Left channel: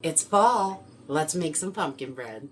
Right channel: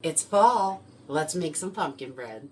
It's fall. Let's make some pumpkin bread.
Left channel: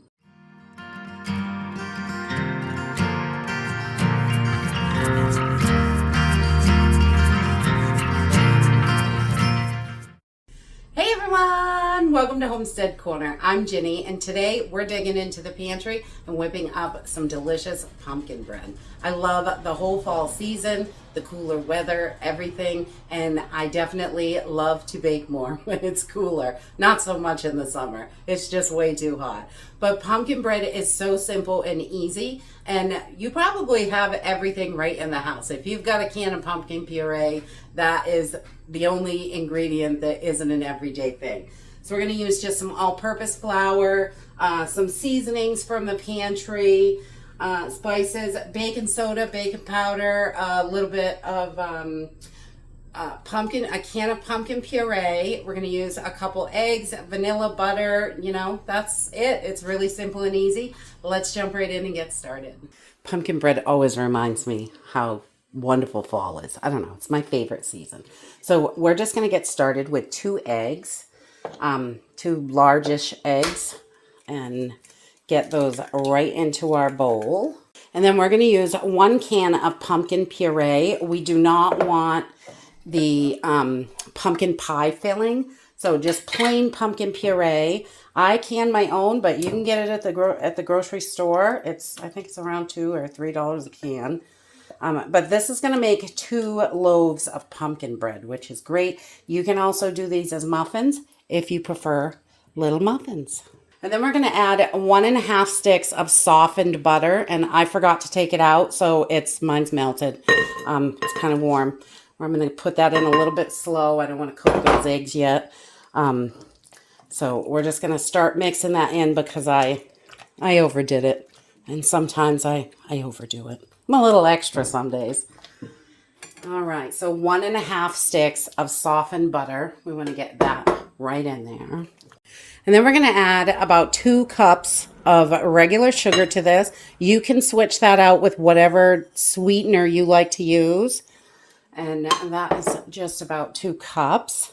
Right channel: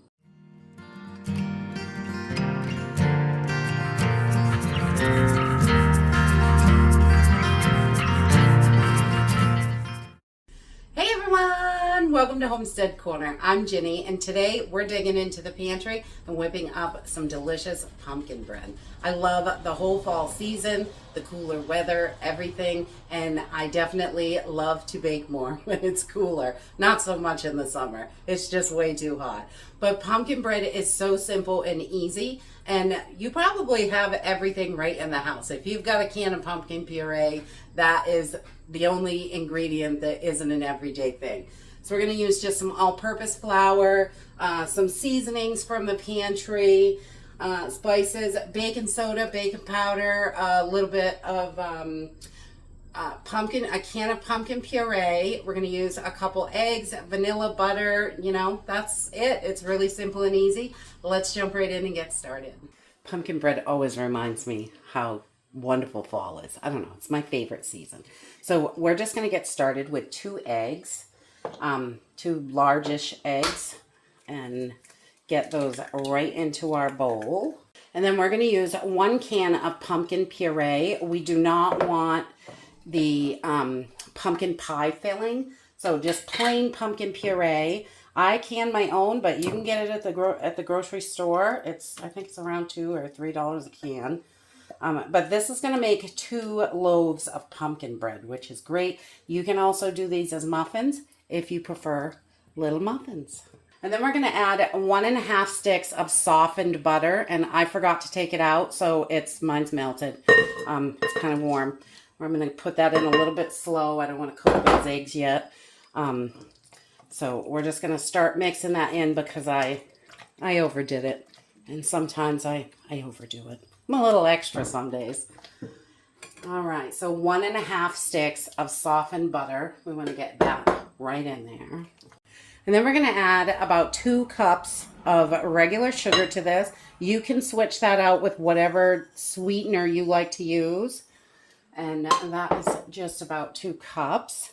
Hey everyone! Welcome to Homestead Corner. I'm Ginny, and today we're digging into the pantry and whipping up some delicious pumpkin bread. I love the whole fall season, the cooler weather, everything, and I definitely love to bake more when it's cooler. Not so much in the summer. It's just way too hot. But pumpkin bread is so simple and easy, and you probably have everything right in the house. If you've got a can of pumpkin puree, that is the only ingredient that isn't an everyday thing. So we're going to use just some all-purpose flour, some seasonings from the pantry, spices, baking soda, baking powder, a little bit of a can of pumpkin puree. We're going to use a couple eggs, vanilla, butter, that's it. It's really simple and easy. Let's jump right in and get started. Pumpkin bread always reminds me how wonderful fall is. I don't know, it's my favorite season. So we're just going to get started with 2 eggs, 2 largish eggs, and get those right into our bowl. And then we're going to use 1 can of pumpkin puree. We do not want the pumpkin pie filling, so just plain pumpkin puree. I can my own, but you can get it at the grocery store. I think it's around $2 or $3 a can. But this is going to make 2 loaves of pumpkin bread, which is great. You can also do these as muffins if you prefer little muffins. And then we're going to add 1.5 sticks of softened butter, and I forgot to take it out, so mine's melted. It's kind of warm. I'm going to put that in a little bit slow. I don't want to cook those eggs yet. So we're just going to start mixing that in because I overdid it, and sometimes I overdo it. I'm a little extra some days. All right, so 1.5 sticks of softened butter. We want to get that right in there. And then we're going to add about 2 cups of regular sugar to this. You can switch that out with whatever sweetener you like to use. And that is just about 2 cups.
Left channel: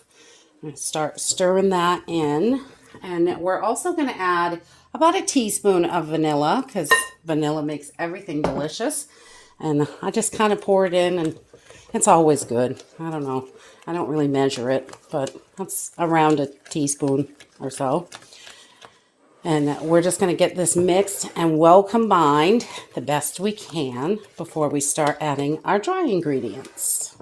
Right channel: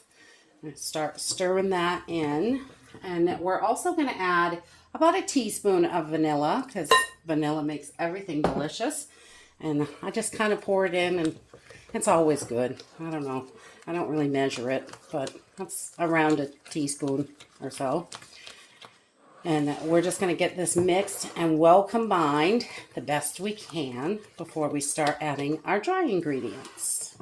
I'm going to start stirring that in. And we're also going to add about a teaspoon of vanilla because vanilla makes everything delicious. And I just kind of pour it in, and it's always good. I don't know. I don't really measure it, but it's around a teaspoon or so. And we're just going to get this mixed and well combined the best we can before we start adding our dry ingredients.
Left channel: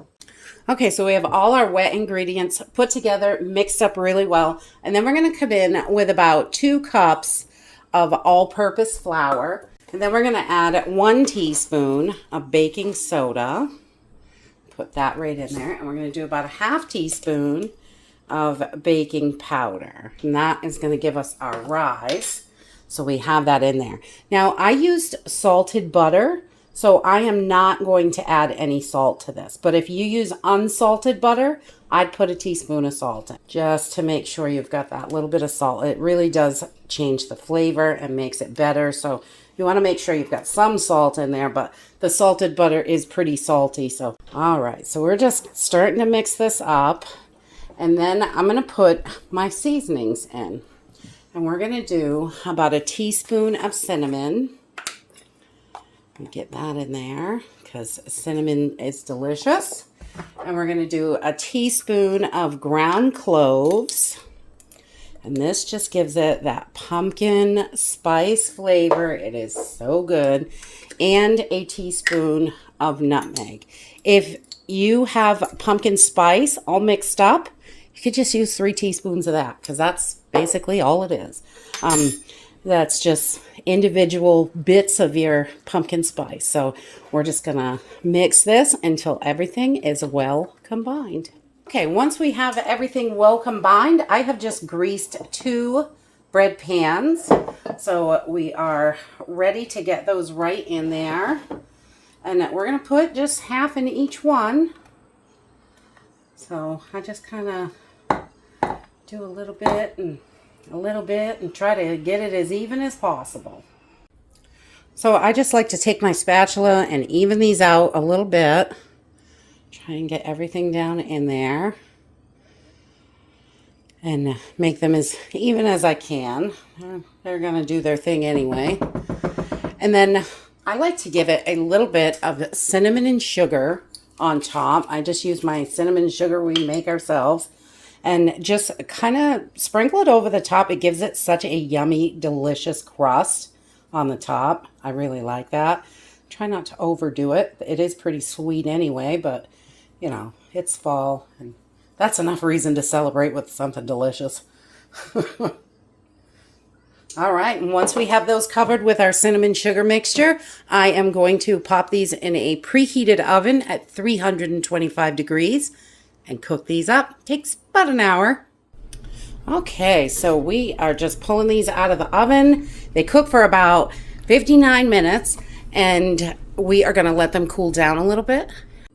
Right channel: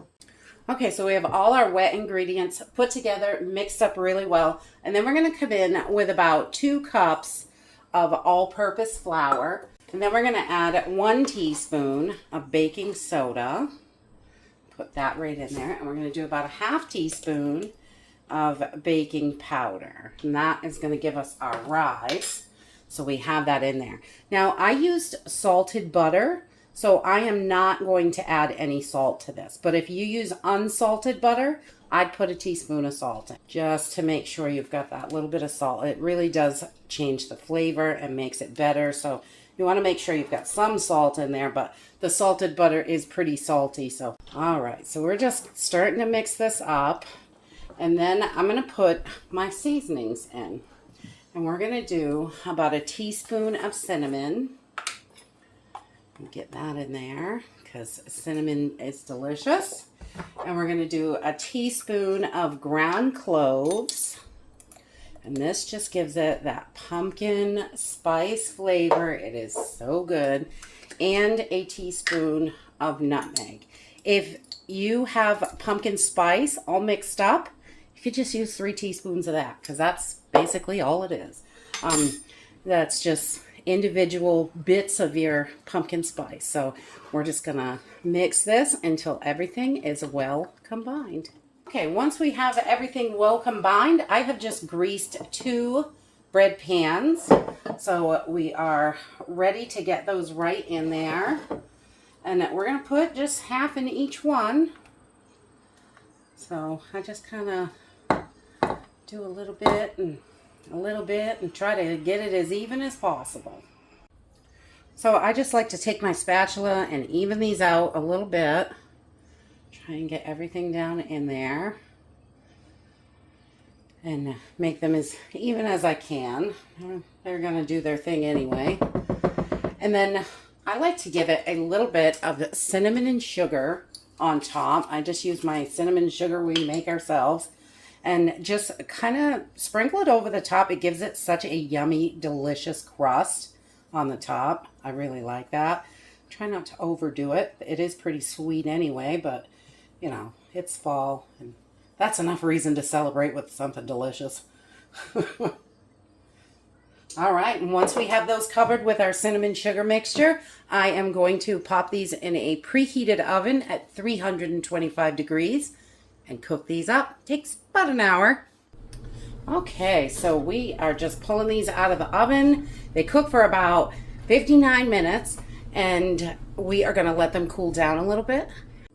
Okay, so we have all our wet ingredients put together, mixed up really well. And then we're going to come in with about 2 cups of all-purpose flour. And then we're going to add 1 teaspoon of baking soda. Put that right in there. And we're going to do about a 1/2 teaspoon of baking powder. And that is going to give us our rise. So we have that in there. Now, I used salted butter, so I am not going to add any salt to this. But if you use unsalted butter, I'd put a teaspoon of salt in, just to make sure you've got that little bit of salt. It really does change the flavor and makes it better. So you want to make sure you've got some salt in there, but the salted butter is pretty salty. So, all right, so we're just starting to mix this up. And then I'm going to put my seasonings in. And we're going to do about a teaspoon of cinnamon. Get that in there because cinnamon is delicious. And we're going to do a teaspoon of ground cloves. And this just gives it that pumpkin spice flavor. It is so good. And a teaspoon of nutmeg. If you have pumpkin spice all mixed up, you could just use 3 teaspoons of that because that's basically all it is. That's just individual bits of your pumpkin spice. So we're just going to mix this until everything is well combined. Okay, once we have everything well combined, I have just greased 2 bread pans. So we are ready to get those right in there. And we're going to put just 1/2 in each one. So I just kind of do a little bit and a little bit and try to get it as even as possible. So I just like to take my spatula and even these out a little bit. Try and get everything down in there. and make them as even as I can. They're gonna do their thing anyway. And then I like to give it a little bit of cinnamon and sugar on top. I just use my cinnamon and sugar we make ourselves, and just kind of sprinkle it over the top. It gives it such a yummy, delicious crust on the top. I really like that. Try not to overdo it. It is pretty sweet anyway, but you know, it's fall, and that's enough reason to celebrate with something delicious. All right, and once we have those covered with our cinnamon sugar mixture, I am going to pop these in a preheated oven at 325 degrees and cook these up. Takes about an hour. Okay, so we are just pulling these out of the oven. They cook for about 59 minutes, and we are going to let them cool down a little bit.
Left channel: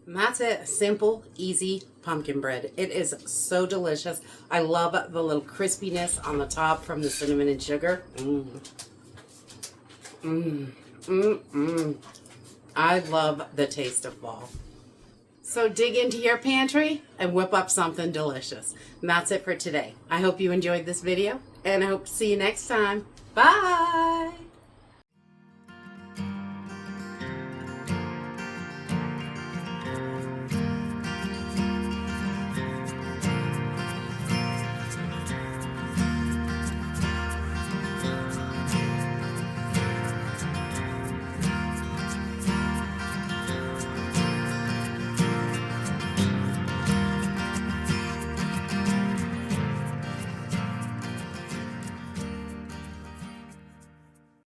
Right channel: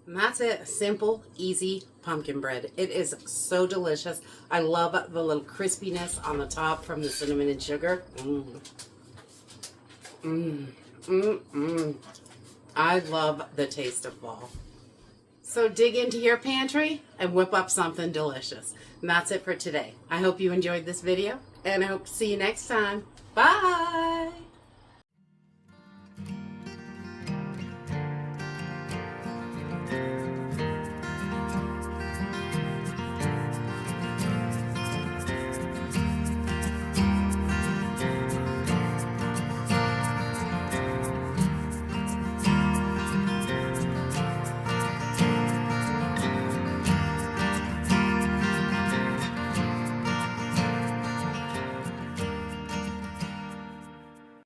And that's it. Simple, easy pumpkin bread. It is so delicious. I love the little crispiness on the top from the cinnamon and sugar. I love the taste of fall. So dig into your pantry and whip up something delicious. And that's it for today. I hope you enjoyed this video, and I hope to see you next time. Bye!